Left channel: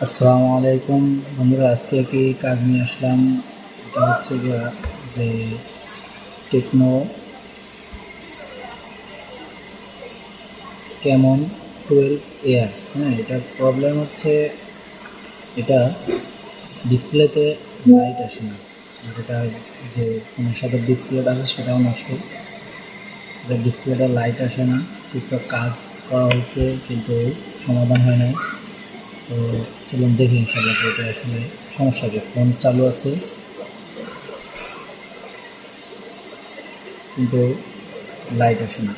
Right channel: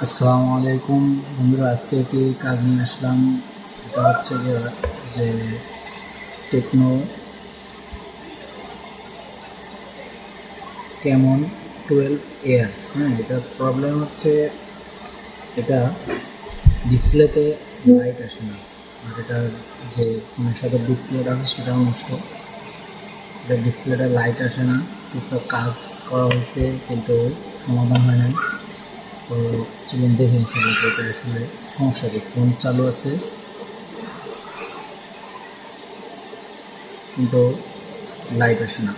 আসসালামু আলাইকুম বন্ধুরা, আজকে একটি কাজ নিয়ে আসলাম। এটা হচ্ছে যে টেকনো ক্যামন 12 এয়ার। হ্যাঁ, এটার প্রবলেম হচ্ছে এটা ডিসপ্লেতে লাইট আসে না, আর এটার যে ফোনের সাথে ডিসপ্লেটা আছে সেটাও নষ্ট। এটার ডিসপ্লেটা লাইট আসে না, টুকটাক কাজ করা হয়েছে কিন্তু সমাধান হয় নাই। তো চলুন দেখি ইনশাল্লাহ যে এটা আসলে সমস্যা কি। ফোন চালু আছে কিন্তু লাইট আসে না।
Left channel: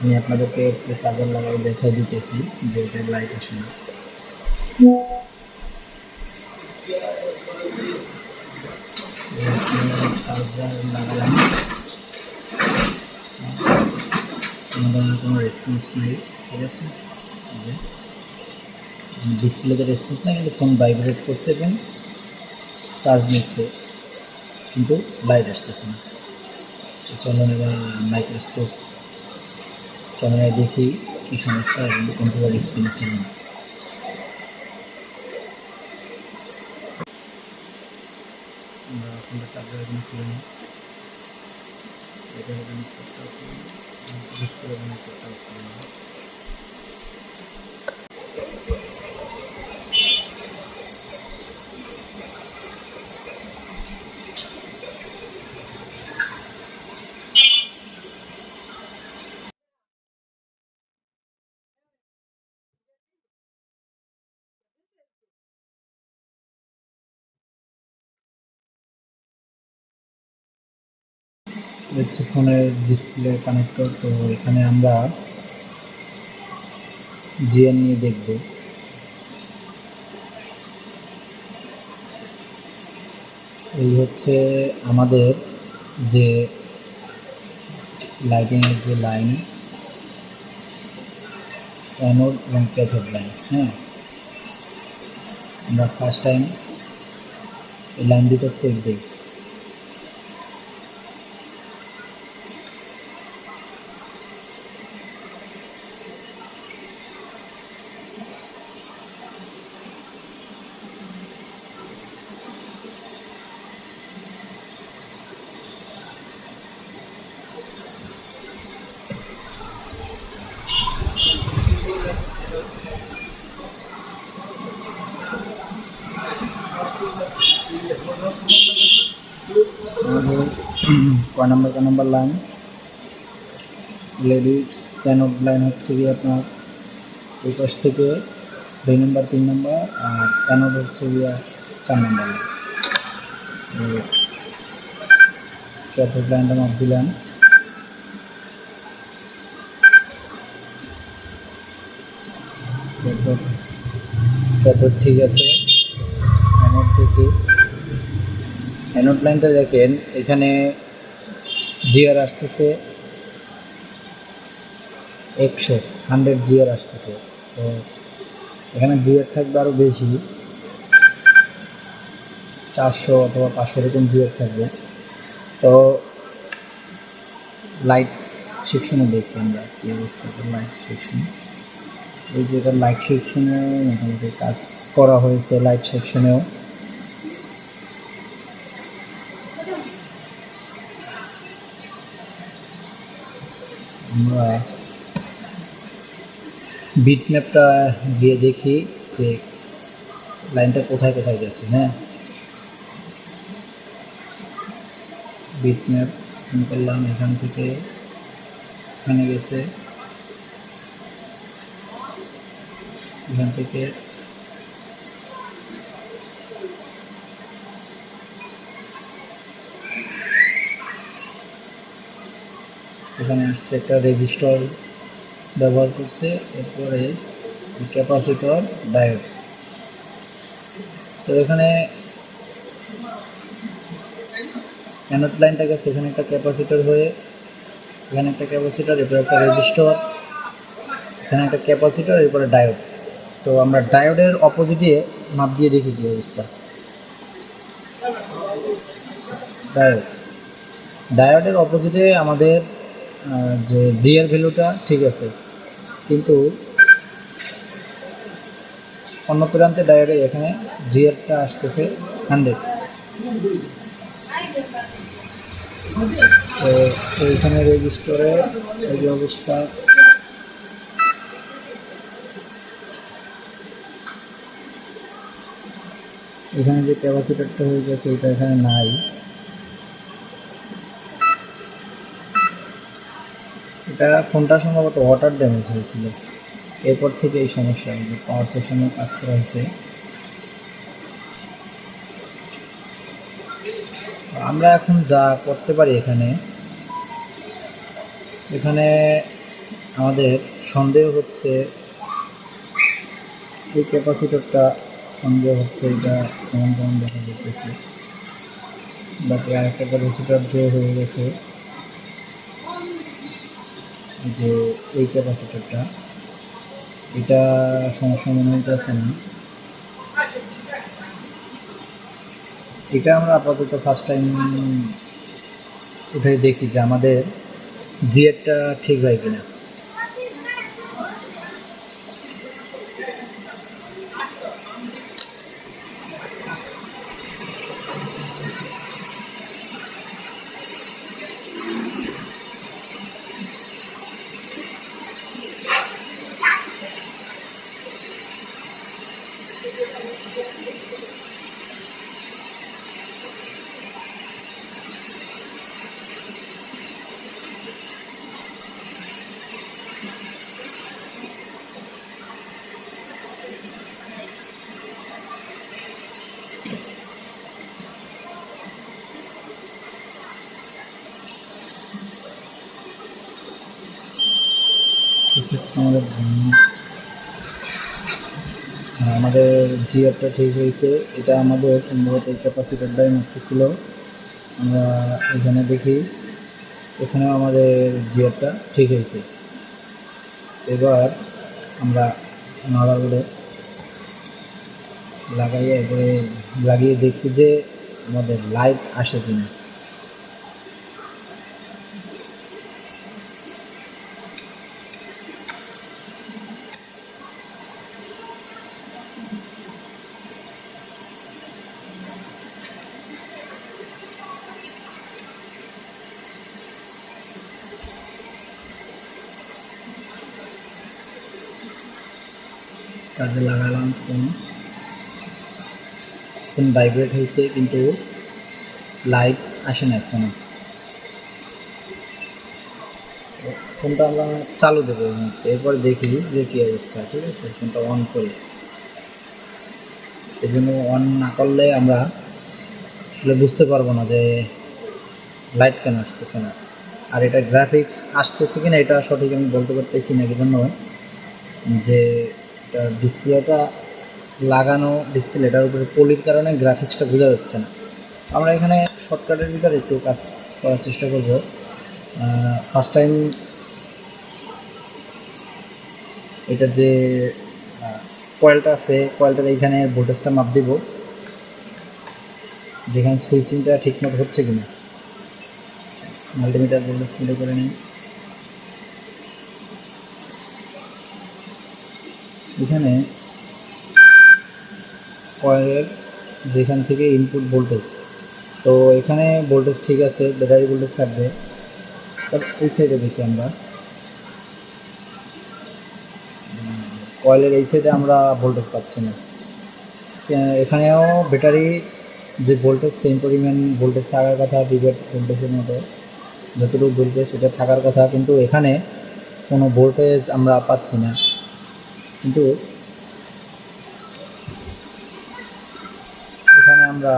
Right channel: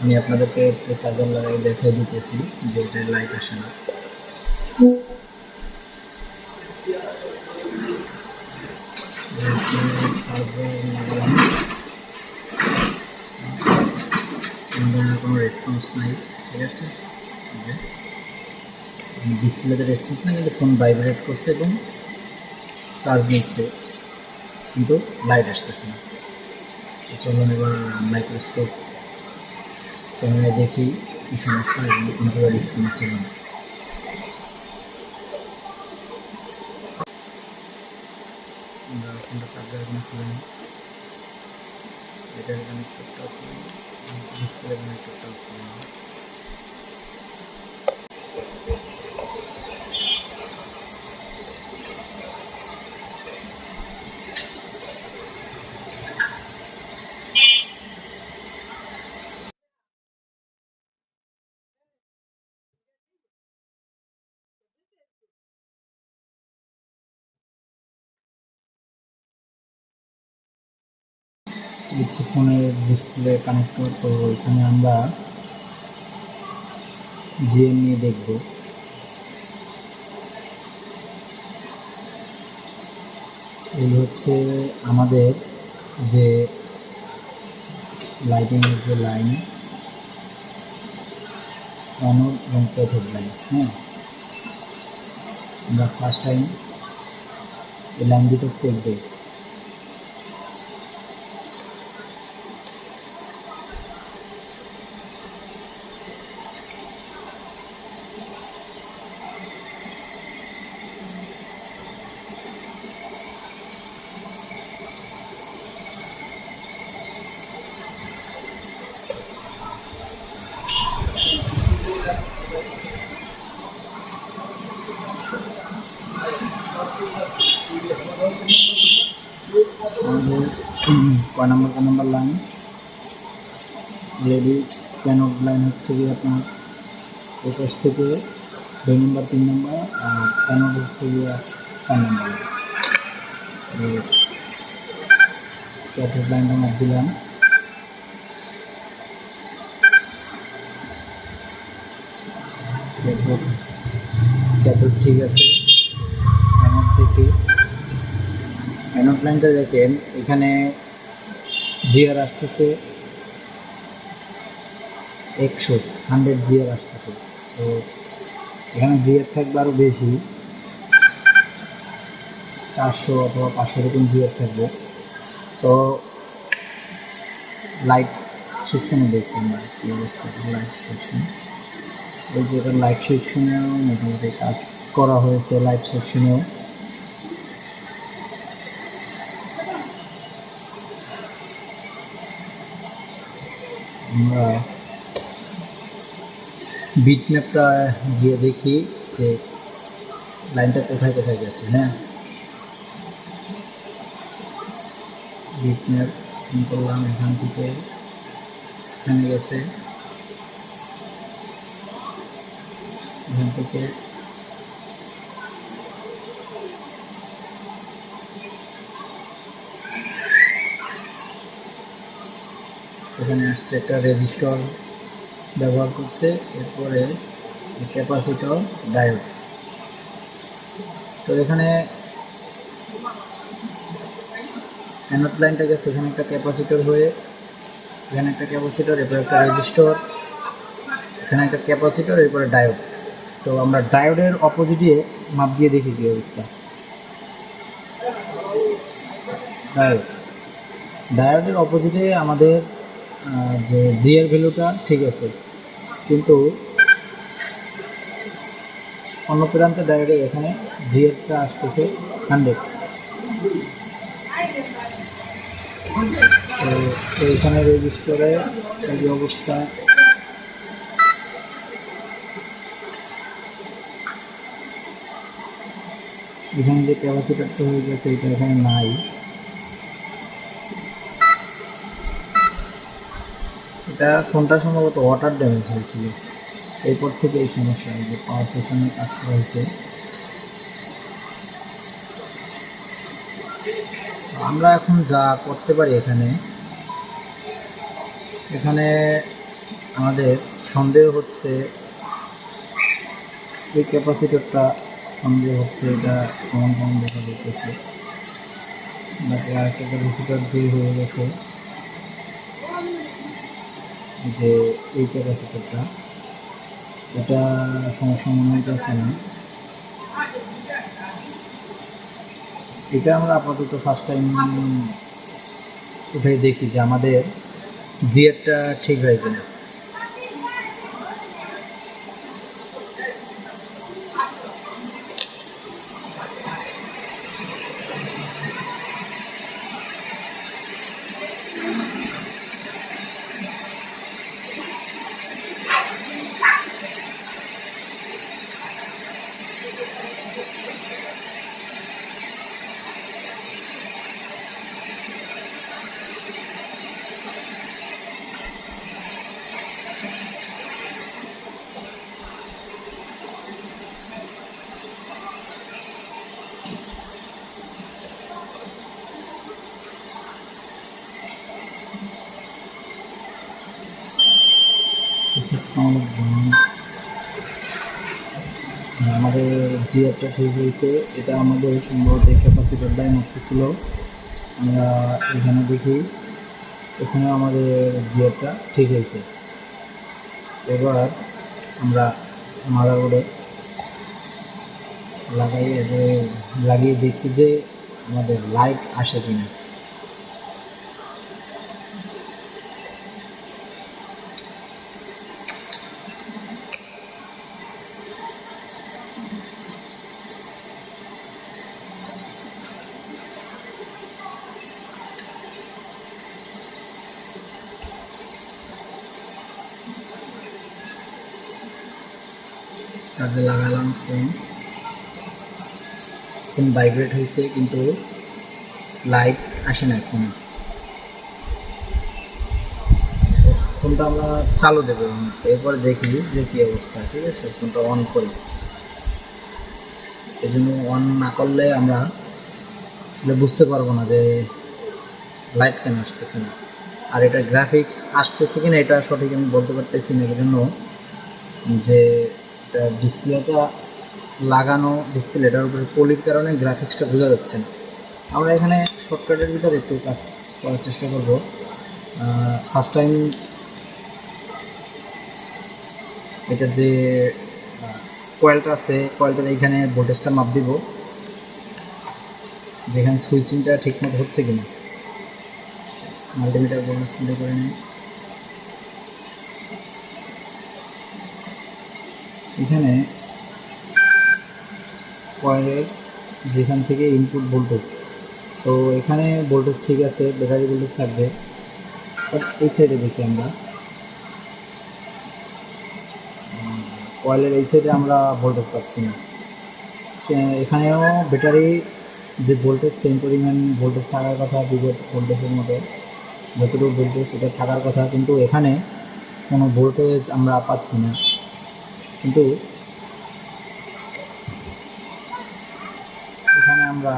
আমি আপনাদেরকে একটু চার্জার লাগাই দেখাই দিতেছি যে এটার লাইট আসে না। চার্জার লাগালাম, কোনো ধরনের কোনো রেসপন্স নাই। ঠিক আছে, যে ডিসপ্লেতে রেসপন্স নাই কিন্তু ফোন ভাইব্রেট করছে এবং চার্জ নিচ্ছে কিন্তু লাইট আসতেছে না। তো চলুন এবার মাইক্রোস্কোপ ক্যামেরায় দেখি কী সমস্যা এবং কম্পিউটার স্ক্রিনে চলুন। আমরা ফোনটা চার্জার এখানে খুলে নিই, ব্যাটারি কানেক্টরটাও খুলে নিই, ডিসপ্লে কানেক্টরটাও খুলে নিই। হচ্ছে ফোনের ডিসপ্লে কানেক্টর। তো এখানে আমরা জিএন নিয়ে দেখব। এই হচ্ছে আমাদের যে লাইটিংয়ের যে লাইন, অ্যানোড এবং ক্যাথোড লাইন। হ্যাঁ, আমরা ফার্স্ট টাইম এই লাইন দুটো চেক দিই। আমাদের কয় নাম্বার লাইন এলইডি ক্যানোড লাইন হচ্ছে কি আপনার এই পাশ থেকে 2 নম্বর 3 নম্বর, আর ক্যানোড হচ্ছে গিয়া 4 নম্বর লাইন। ক্যাথোড লাইনটা মাপ দিলাম। ক্যাথোড ঠিক আছে। অ্যানোড থেকে অ্যানোড লাইনটা দেখেন, এখানে জিআর আসতেছে 100 জিআর আসতেছে। তো এখানে জিআর থাকবে আরও বেশি, 400 অথবা 500 এরকম জিআর থাকবে। তো লাইট সেকশনে দেখি আমরা কী অবস্থা। লাইট সেকশন, এই যে লাইট সেকশনেও মোটামুটি কাজ করা হয়েছে। লাইট সেকশনেও আমরা বিট ম্যাপটা দিয়ে দেখি যে লাইনটা কোথায় কোথায় গেছে। হ্যাঁ, বিট ম্যাপ করলাম, এখান থেকে এখানে গেছে, এখান থেকে এখানে আসছে। একটা রেজিস্টর ব্যবহার করছে, এরপরে ক্যাপাসিটর, ডায়োড। তো এখানে অ্যানোড লাইনটা গেছে, এখানে একটা ক্যাপাসিটর হয়ে, এখানে একটা ক্যাপাসিটর, এরপরে একটা রেজিস্টর, এখানে একটা ক্যাপাসিটর, এরপরে ডায়োড। তো আমরা ডায়োডের অপোজিটে মাপ দিয়ে দেখি কী অবস্থা। ডায়োডের অপোজিটে আমাদের যে জিআর ভ্যালুটা ঠিক আছে, কিন্তু অন্য প্রান্তে ডায়োডের এখানে জিআরটা আসতেছে 100। তো এখানে রেজিস্টারে এই যে অবস্থা, এখানে যে ক্যাপাসিটরটা হয়ে গেছে এটা এখানে নাই। এটা ফোনটা সম্ভবত ওয়াটার ড্যামেজ হয়েছিল, এরপর থেকে এই সমস্যা, যে পাওয়ার সেকশনে কাজ করা হয়েছে। আমরা এখন যা করতে পারি এখানে আমাদের সন্দেহ হচ্ছে এই ক্যাপাসিটরটা, সন্দেহ হচ্ছে এটা কেমন দেখা যেতেছে। বাকি আরেকটা ক্যাপাসিটর যে হয়ে গেছে, যে এই ক্যাপাসিটরটা, এটা সমস্যা মনে হইতেছে না। এটা আমরা আপাতত ফার্স্ট টাইম উঠে দেখি যে আমাদের জিআরটা ঠিক হয় কিনা। আমাদের জিআরটা ঠিক হয়েছে। এটা আমাদের সম্ভবত এই ক্যাপাসিটরটাই নষ্ট ছিল। আমরা এখানে দেখি, এখানেও আমাদের জিআরটা ঠিক হয়েছে। এবার আমরা মাদারবোর্ডে লাগিয়ে দেখি যে আমাদের লাইট আসে কিনা। চার্জে লাগালাম, ফোন ভাইব্রেট হয়েছে কিন্তু লাইট আসে না ফোনে। ফোনটা আমরা চালু দেবো, এরপরে দেখি যে কী অবস্থা। ঠিক আছে, ফোনটা অন করি। এই জন্য অন না করলে আমরা আসলে বুঝতে পারবো না যে লাইট কেন আসতেছে না, আর এটা গ্রাফিক্স আসতেছে কিনা এটা সঠিক আমি বলতে পারতেছি না। এই জন্য যে এটা ডিসপ্লেটা লাগানো, ডিসপ্লেটার উপরে পলির কারণে গ্রাফিক্সটা বোঝা যাচ্ছে না। আমরা এখানে শর্টকাটের ভিতরে একটু কাজ করার চেষ্টা করব। ফার্স্ট টাইম এটার যে কয়েলটা আছে, কয়েলটার এইখানে ভোল্টেজটা মাপ দিব, যেখানে সুইচিংটা ঠিকমতো হচ্ছে কিনা। মাল্টিমিটার ভোল্টেজ মিটার করে নিই। এখানে কয়েলের যেখান থেকে ইনপুট ভোল্টেজ, তো এখানে ভোল্টেজ ঠিক আছে, ব্যাটারি ভোল্টেজ থাকবে। বাট এই সাইডে দেখি আমরা, কয়েলের এই সাইডে আমরা ভোল্টেজ পাচ্ছি না। এখানেও ব্যাটারি যে ভোল্টেজ, সেম পরিমাণ ভোল্টেজ থাকার কথা, বিভেট ভোল্টেজের মতো যতটুকু ভোল্টেজ এটা থাকার কথা, কিন্তু এখানে কোনো ভোল্টেজ আমরা পাচ্ছি না। কিন্তু এখানে আমরা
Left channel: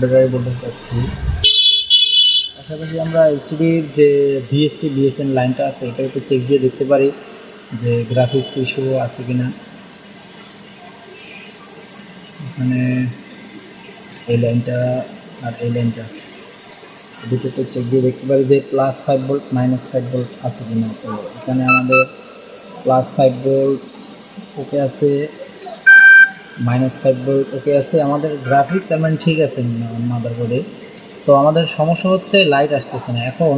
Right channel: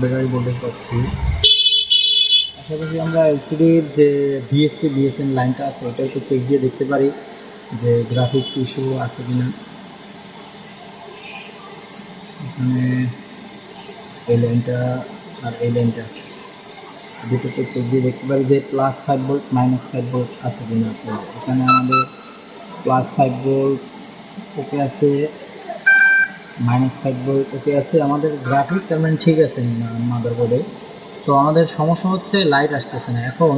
ব্যাটারি ভোল্টেজ পাচ্ছি। পাশাপাশি আমরা এলসিডির যে ভিএসপি বিএসএন লাইনটা আছে, এটা একটু চেক দিয়ে দেখতে পারি যে গ্রাফিক্স ইস্যু আছে কিনা। এখানে এই লাইনটা আর এই লাইনটা দুটো তো চেক দিয়ে দেখতে পারি যে +5 ভোল্ট -5 ভোল্ট আছে কিনা। তো এখানে আমাদের +5 ভোল্ট ওকে আছে, -5 ভোল্ট ওকে আছে। আমাদের গ্রাফিক্স মানে ঠিক আছে মাদারবোর্ডে। তো আমাদের সমস্যা হচ্ছে লাইট আসতেছে না। এখন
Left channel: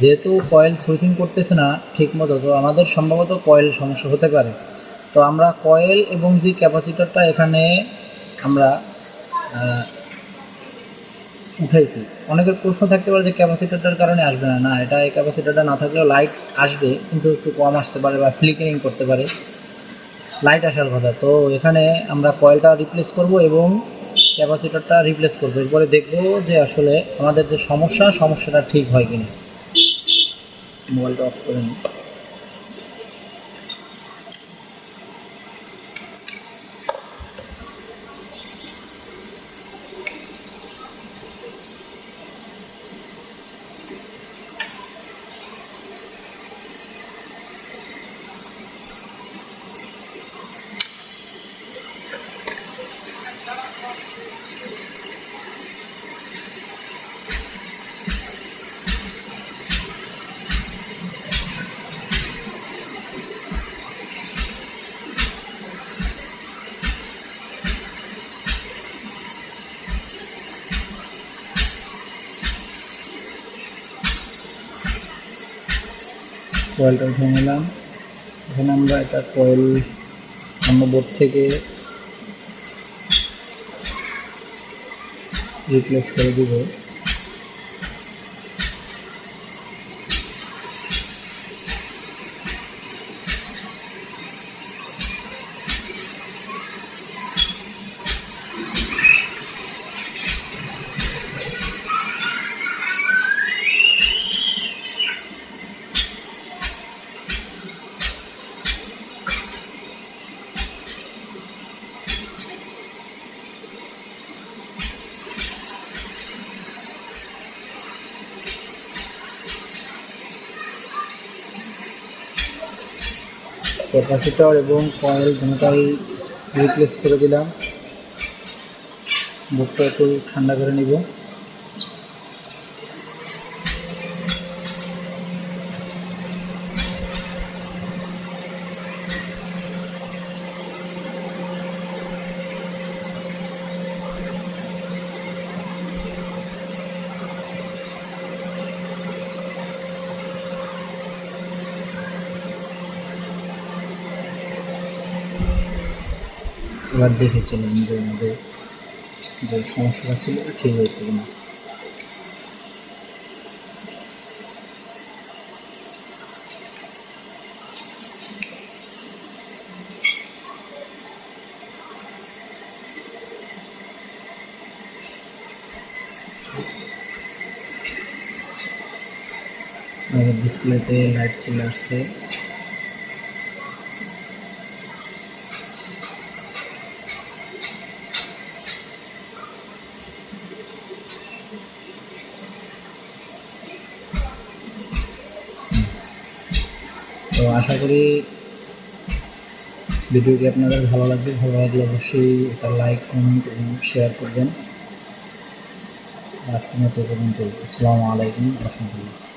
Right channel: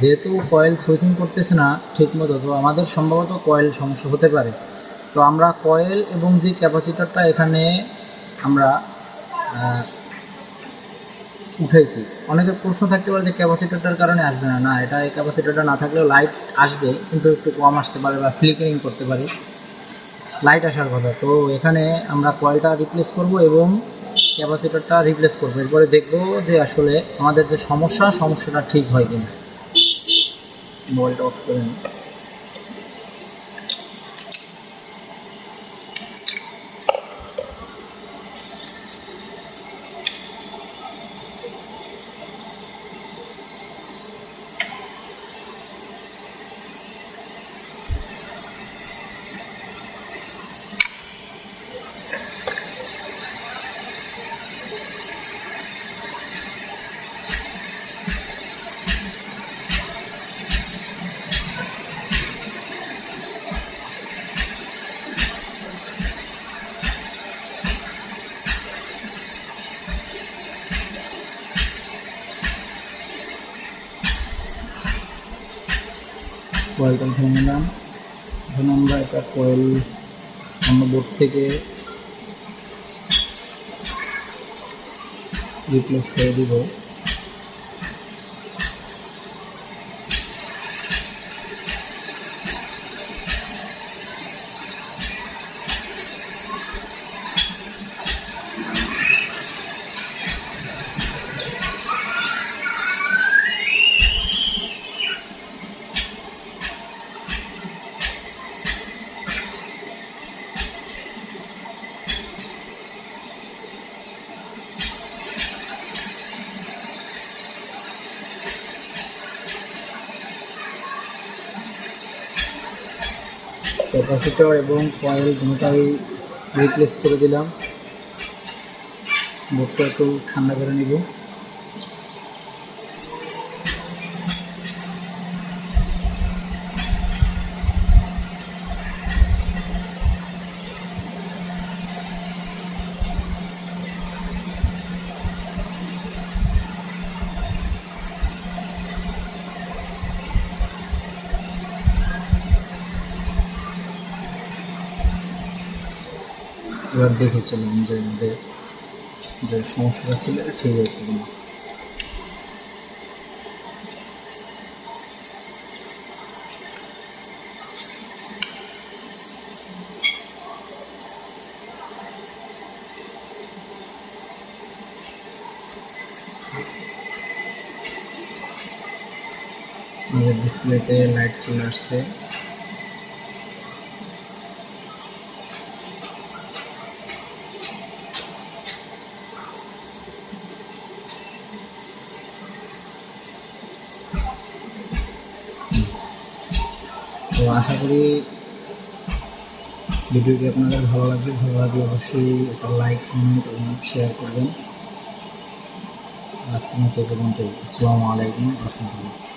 যেহেতু কয়েল সুইচিং করতেছে না ঠিক মতো, তো আমাদের সম্ভবত কয়েল সমস্যা হতে পারে। তো আমরা কয়েল এবং যে ক্যাপাসিটরটা এখানে আমরা উঠাইছি, অনেকের প্রশ্ন থাকতে পারে যে ক্যাপাসিটরটার কারণে আসবে না। না, এটা এই ক্যাপাসিটরটা না থাকলেও লাইট আসবে, কিন্তু একটু কম আসতে পারে বা ফ্লিকারিং করতে পারে, লাইট আসার কথা। তো এখানে আমরা কয়েলটা রিপ্লেস করব এবং ক্যাপাসিটরটা রিপ্লেস করবো। এরপরে দেখব যে আসলে আমাদের যে সমস্যাটা ঠিক হয় কিনা। মোবাইলটা অফ করে নিই। কয়েলটা উঠে নিলাম। এখানে আমরা এটা কয়েল অন্য বোর্ড থেকে রিপ্লেস করে দিব। ক্যাপাসিটর এবং কয়েল দুটোটাই রিপ্লেস করে দিলাম। বোর্ডটা একটু ঠান্ডা করে নিব। এবার দেখেছিলাম যে আমাদের যে সমস্যাটা ছিল এটা ঠিক হয়েছে কিনা। আমাদের ডিসপ্লেতে লাইট চলে আসছে। তো আশা করি ভিডিওটি আপনাদের ভালো লাগবে। ভালো লাগলে অবশ্যই একটা লাইক, কমেন্ট এবং শেয়ার করবেন। আজকের মতো পর্যন্ত। আসসালামু আলাইকুম রহমতুল্লাহ।